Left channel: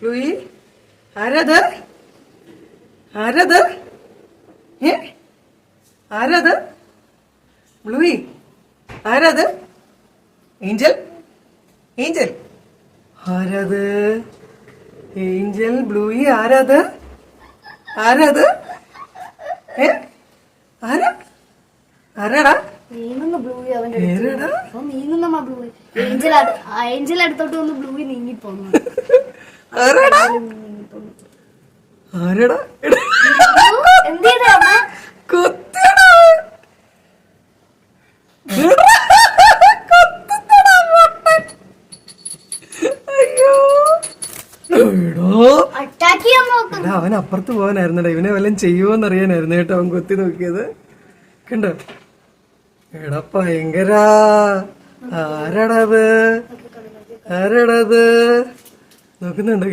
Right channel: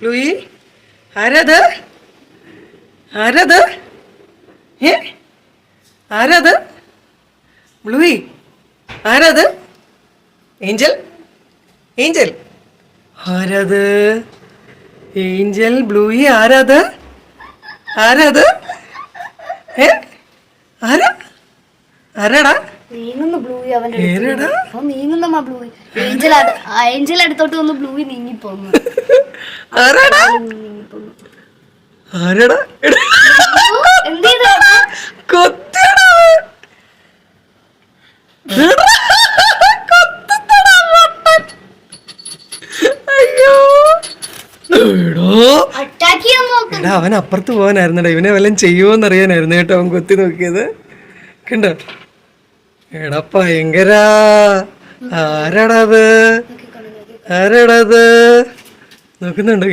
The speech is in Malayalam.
ബ്ലൂയി ആരാത്? ആരാത്? ഏ ആരാത്? ബ്ലൂയി ആരാത്? ഏഞ്ചൽ? ഏഞ്ചൽ ആരാത്? ഏഞ്ചൽ ബ്ലൂയി ആരാത്? ആരാത്? ഏ ആരാ? ആരാടാ? നീങ്ങുന്നു ബ്ലൂയി അവന്റെ ഏതാടാ? നീങ്ങുന്ന ബ്ലൂയി. ഏഞ്ചൽ അടുത്തോട്ട് വന്ന് ബ്ലൂയി നീങ്ങിപ്പോന്നു. ആരാടാ? ആരാടാ? എന്ത് ചെയ്താ? കൊത്തിയടാ. കൊത്തുന്നെടാ പൊട്ടൻ. അയ്യോ എടോ. അറ്റാക്ക് ചെയ്യാൻ നോക്കും. എടാ അവൻ അപ്പുറത്ത് പോകാനായിരുന്നടാ, ഇവനെ വല്ലതും ചെയ്യുമോന്ന് അറിയാനായിരുന്നു കേട്ടോ അവൻ കൊത്തി നോക്കിയത്. കണ്ടോ? എടാ ഭയങ്കര. ആരാടാ അത്? ആരാടാ അത്? നോക്കുന്നുണ്ടോ?